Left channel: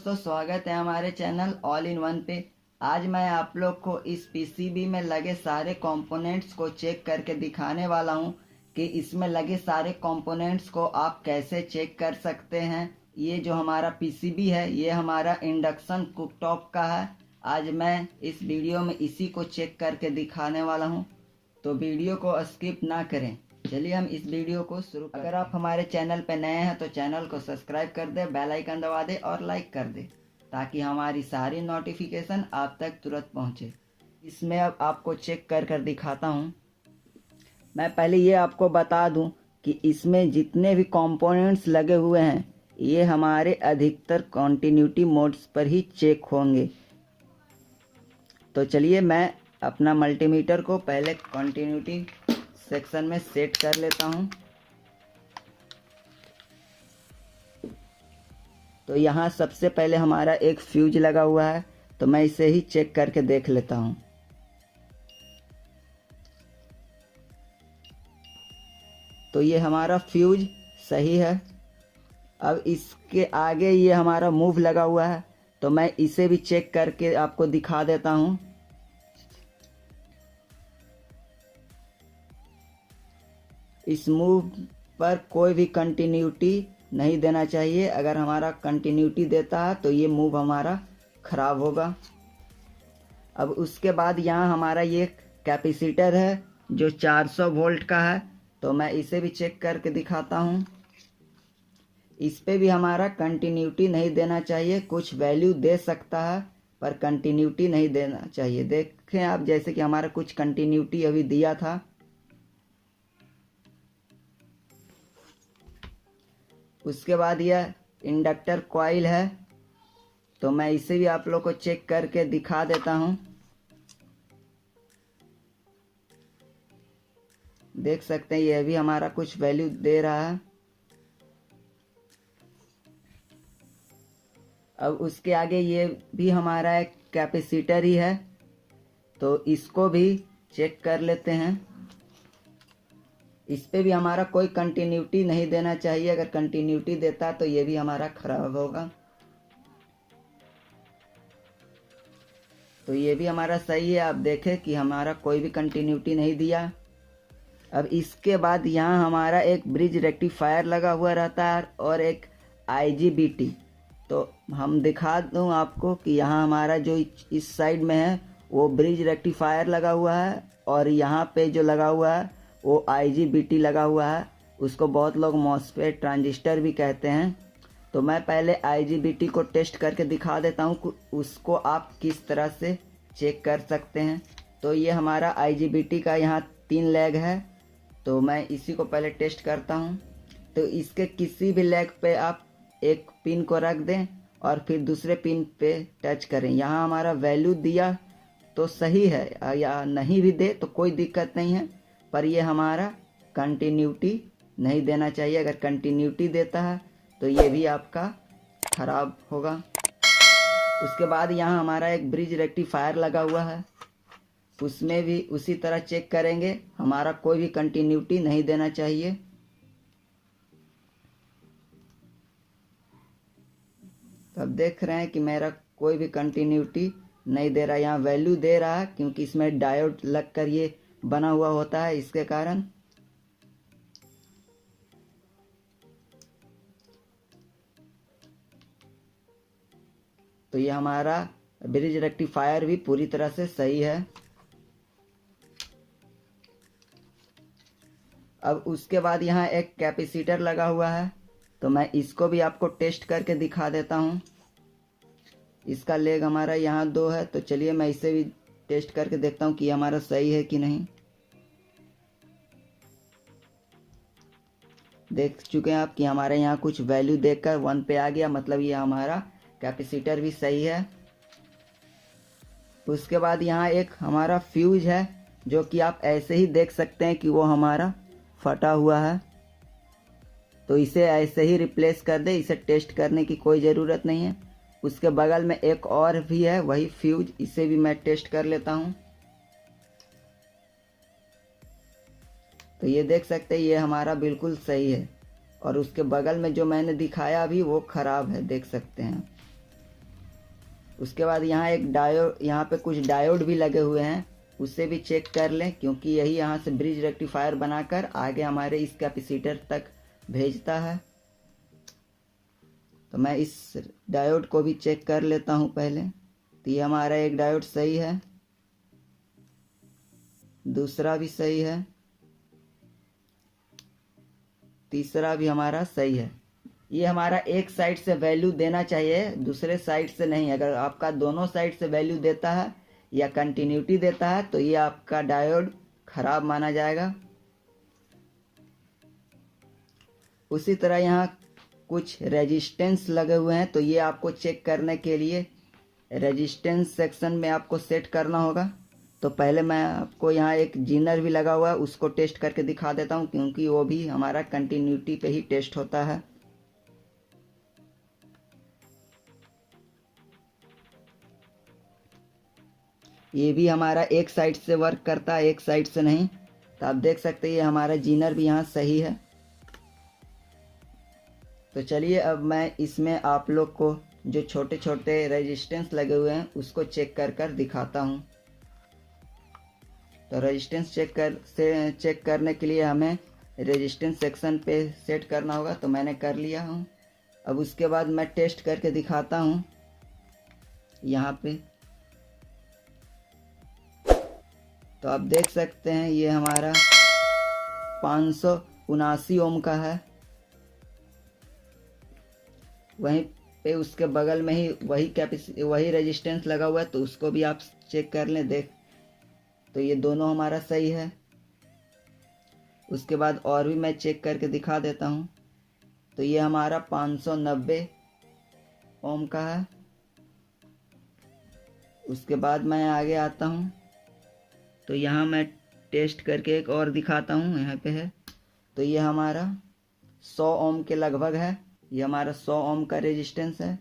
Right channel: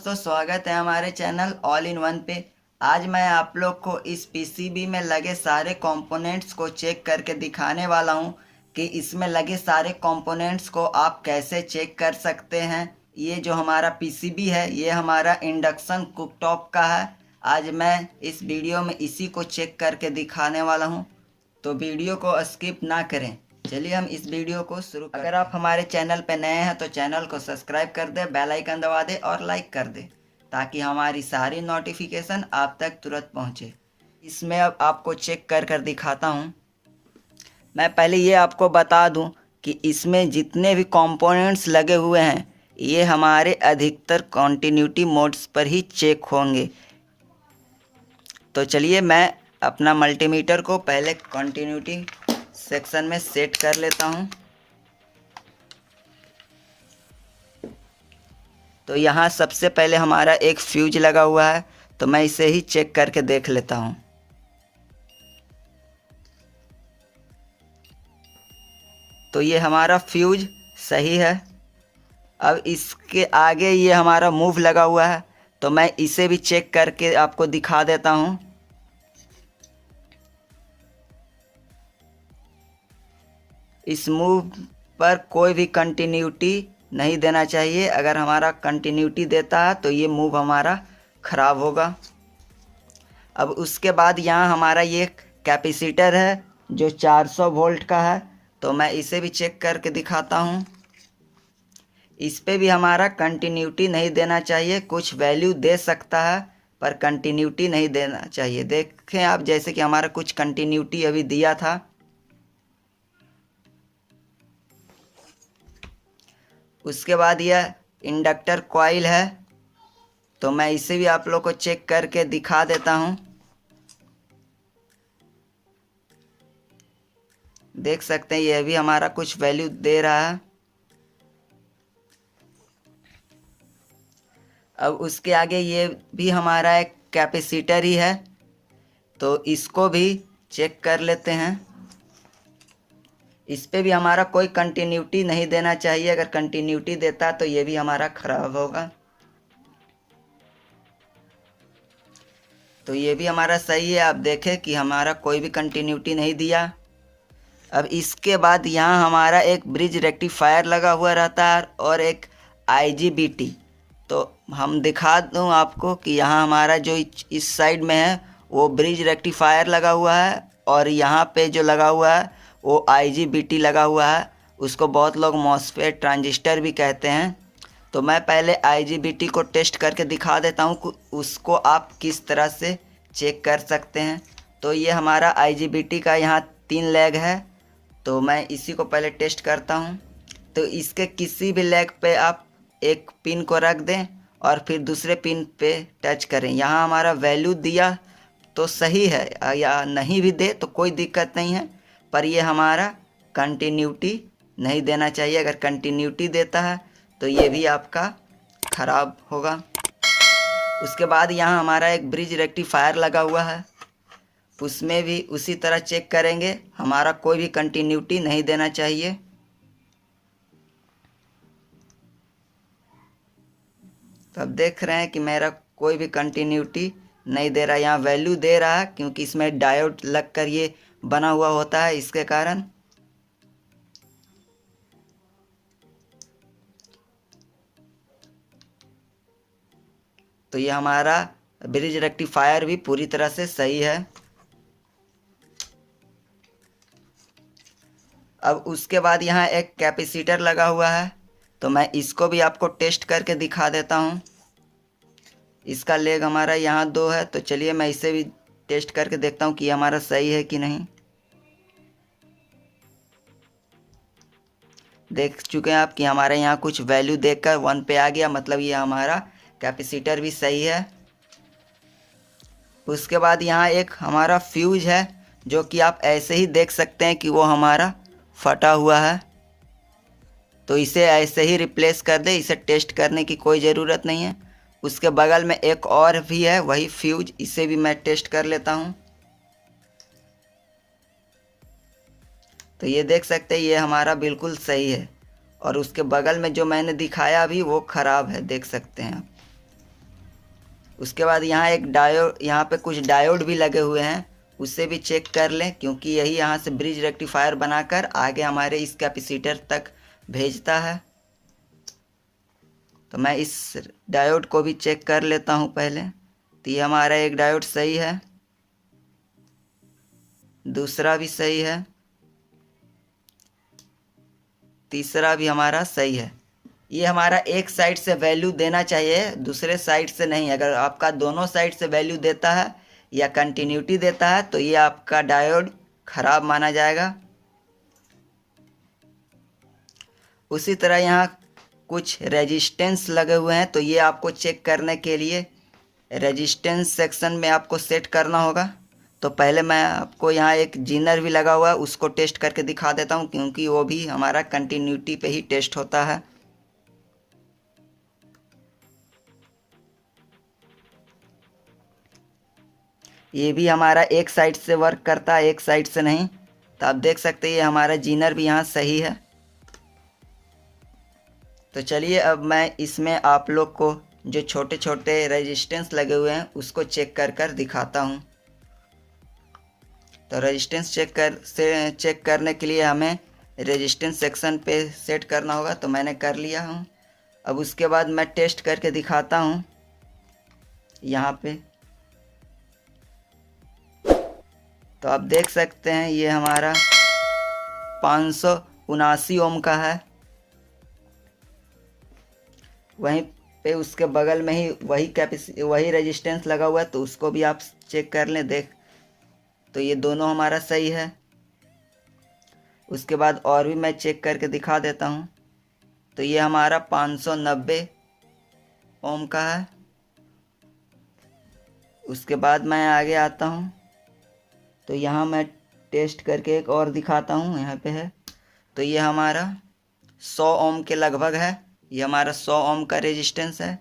दोस्तों, स्वागत है हमारे चैनल ऑल इन वन पे। आज मैं आप लोग को इस पीसीबी में लगे सारे कंपोनेंट्स को चेक करके दिखाने वाला हूं कि इसमें लगे सारे कंपोनेंट्स को आप कैसे चेक कर सकते हैं। ये जो हमारा पीसीबी है ये हमारा इंडक्शन कुकटॉप का है। आज मैं इस वीडियो में इसी को चेक करके दिखाने वाला हूँ, तो वीडियो को स्किप ना करें। चलिए हम इस वीडियो को शुरू करते हैं। अगर आप हमारे चैनल पर नए हैं तो चैनल को सब्सक्राइब कर दें, बेल आइकन दबा दें और लाइक कर दें ताकि हमारी सारी नोटिफिकेशन आप तक तुरंत पहुंचे। इसमें अब आपको चेक कर कर दिखाता हूं। मैं पहले ये आपको बता दूं कि इसमें जितने भी कंपोनेंट्स लगे हुए हैं ये हमारे अधिकतर कॉन्टिन्यूटी मोड्स पर ही चेक होंगे। तो चलिए मैं अपना मल्टीमीटर को पहले कॉन्टिन्यूटी सेक्शन में सेट कर लेता हूं। तो यहाँ सबसे पहले हमारा एक फ्यूज लगा हुआ है, तो मैं इसे ही चेक करके देख लेता हूं। तो ये हमारा फ्यूज सही है। अब इसके आगे ये हमारा मूव लगा हुआ है, तो मैं इसे भी चेक करके आपको दिखा देता हूं। इस मूव पर कोई भी कंटिन्यूटी नहीं देना चाहिए। अगर हमारा कंटिन्यूटी देता है तो ये मूव हमारा ख़राब होगा। अब उसके बाद यहाँ हमारा ये कैपेसिटर है जो 400 वोल्ट का है, तो मैं इसे भी चेक करके दिखाता हूँ। इस पे भी हमारा कंटिन्यूटी नहीं देना चाहिए। कुछ वैल्यू दे सकता है पर कंटिन्यूटी नहीं देना चाहिए। देखें आप, जैसे कि हमारा कुछ कंटिन्यूटी अभी दिया था। उसके बाद यह इंडक्टर कॉइल है, तो मैं इसे भी आप लोग को चेक करके दिखा देता हूं। देख सकते हैं यह भी हमारा कुछ वैल्यू दे रहा है। अब उसके आगे ये भी हमारा एक कैपेसिटर ही है, तो इसको भी चेक कर लेते हैं। इस पे भी हमारा कोई कंटिन्यूटी नहीं देना चाहिए। अगर कंटिन्यूटी देता तो ये भी हमारा ख़राब होगा। तो ये भी हमारा सही है। आप देखें कि हमारा कोई भी कंटिन्यूटी नहीं दिया। अब इसके बाद यहाँ हमारा एक ब्रिज रेक्टिफायर लगा हुआ रहता है और एक IGBT। तो हम दिखा दूँ आपको कि यहाँ हमारा जो इस साइड में है वो ब्रिज रेक्टिफायर लगा हुआ है, और यहाँ पे जो लगा हुआ है वो IGBT लगा हुआ है। उसको बहुत लोग मॉसफेट ट्रांजिस्टर भी कहते हैं। तो मैं पहले IGBT को टेस्ट करके दिखा देता हूँ कि उसको आप किस तरह से चेक कर सकते हैं। तो ये हमारा IGBT का यहाँ 3 लेग है, तो मैं इसी को पहले टेस्ट करता हूँ। तो इसके किसी भी लेग पे आप एक पिन को रख दें और फिर दूसरे पिन पे टच करें। यहाँ हमारा वैल्यू दिया तो सही है, या नहीं भी दे तो कोई दिक्कत नहीं है, पर ये हमारा कंटिन्यूटी नहीं देना चाहिए। अगर कंटिन्यूटी देता है तो ये भी आपका ख़राब होगा। उसके बाद यहाँ हमारा एक ब्रिज रेक्टिफायर लगा हुआ है, उसमें भी उसी तरह चेक करेंगे। हमारा कोई भी कंटिन्यूटी नहीं देना चाहिए। तो अब देख रहे हैं कि मेरा कोई भी कंटिन्यूटी नहीं दे रहा। यहाँ वैल्यू दे रहा है क्योंकि इसमें डायोड लग कर ये बना हुआ होता है, इसके कारण। तो ये हमारा ब्रिज रेक्टिफायर भी पूरी तरह से सही है। अब उसके बाद यहाँ एक कैपेसिटर लगा हुआ है, तो मैं इसको भी आपको टेस्ट करके दिखा देता हूँ। इसका लेग हमारा यहाँ 2 है, तो चलिए मैं इसे भी टेस्ट करके देखता हूँ कि हमारा सही है कि नहीं। देख चुके हैं आप कि हमारे यहाँ कुछ वैल्यू देखकर 1 पे आ गया, मतलब ये हमारा कैपेसिटर भी सही है। उसके बाद यहाँ एक हमारा फ्यूज है, जो कि आप ऐसे ही देख सकते हैं कि वो हमारा फटा हुआ है। तो इसे ऐसे ही रिप्लेस कर दे, इसे टेस्ट करने की कोई ज़रूरत नहीं है। उसके बगल में एक और भी है वही फ्यूज, इसे भी मैं टेस्ट कर लेता हूँ। तो ये देख सकते हैं ये हमारा बिल्कुल सही है, और उसके बगल में जो मैंने दिखाया अभी वो ख़राब है, देख सकते हैं आप। उसके बाद यहाँ एक डायोड, यहाँ पे कुछ डायोड भी लगे हुए हैं, उससे भी चेक कर लें, क्योंकि यही यहाँ से ब्रिज रेक्टिफायर बनाकर आगे हमारे इस कैपेसिटर तक भेजता है। तो मैं इस डायोड को भी चेक कर लेता हूँ पहले। तो ये हमारा एक डायोड सही है, दूसरा भी सही है, तीसरा भी हमारा सही है। ये हमारा एक साइड से वैल्यू देना चाहिए, दूसरे साइड से नहीं। अगर आपका दोनों साइड से वैल्यू देता है या कंटिन्यूटी देता है तो ये आपका डायोड खराब माना जाएगा। उसी तरह यहाँ कुछ रेजिस्टेंस लगे हुए हैं, तो ये आपको चेक करने के लिए रेजिस्टेंस सेक्शन में आपको सेट करना होगा। तो पहले मैं आपको यहाँ एक जीनर भी लगा हुआ है, उसको टेस्ट करके दिखा देता हूँ, क्योंकि वो भी हमारा कंटिन्यूटी पे ही टेस्ट होता है। ये भी हमारा एक साइड से वर्क करता है, एक साइड से नहीं। तो आप देख सकते हैं ये हमारा जीनर भी यहाँ सही है। तो चलिए अब मैं इसमें आप लोग को जो छोटे छोटे रेजिस्टेंस लगे हुए हैं उसको चेक कर दिखाता हूँ। तो रेजिस्टेंस चेक करने के लिए हमें रेजिस्टेंस सेक्शन पे सेट करना होगा। तो मैंने कर लिया हूँ। अब उसके बाद मैं टेस्ट करके दिखाता हूँ यहाँ पे। तो आप देख सकते हैं ये हमारा 579 ओम का है। वहीं पे उसके बगल में ही वही रेजिस्टेंस लगा हुआ है, तो उसको भी आप चेक कर लें। देख, तो ये दोनों हमारा सही है। उसके बाद और भी मैं चेक करके दिखा देता हूँ। तो ये हमारा 590 ओम का है। उसके बाद मैं आगे आता हूँ, तो यहाँ मैं टेस्ट करके एक और दिखाता हूँ। यहाँ पे है, तो ये हमारा 100 ओम के लगभग है। ये हमारा 100 ओम का रेजिस्टेंस है।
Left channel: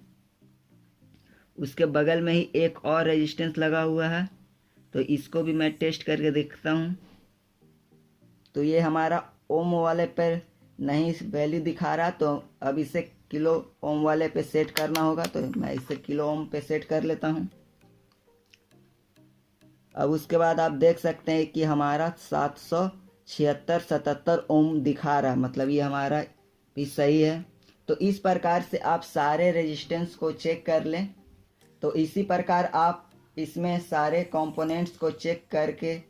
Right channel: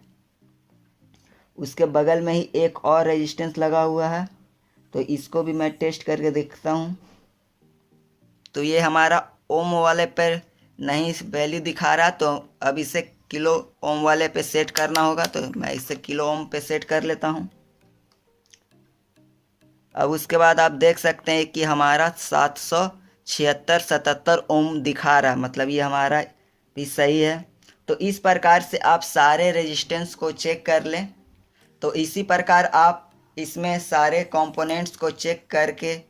उसके बगल में ही एक और रेजिस्टेंस लगा हुआ है, तो इसको भी मैं टेस्ट करके देखता हूँ। तो ये हमारा ओम वाले पर नहीं वैल्यू दिखा रहा, तो अब इसे किलो ओम वाले पे सेट करना होगा। तो मैं इसे किलो ओम पे सेट कर लेता हूँ। अब उसके बाद आप देख सकते हैं कि हमारा 776-77 ओम दिखा रहा है, मतलब ये हमारा भी सही है। तो इस प्रकार से आप सारे रेजिस्टेंस को चेक कर लें। तो इसी प्रकार आप इसमें सारे कंपोनेंट्स को चेक करके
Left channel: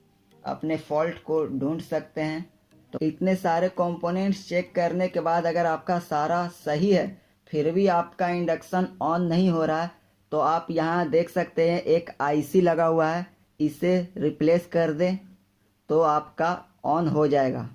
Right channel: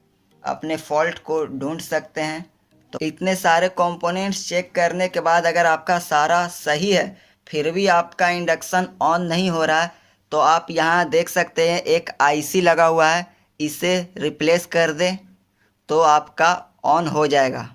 अपने फॉल्ट को ढूंढ सकते हैं। तो इतने सारे कंपोनेंट्स चेक करने के बाद अगर आपका सारा सही है फिर भी आपका इंडक्शन ऑन नहीं हो रहा है, तो आप यहाँ देख सकते हैं एक आईसी लगा हुआ है, इसे रिप्लेस कर दें तो आपका ऑन हो जाएगा।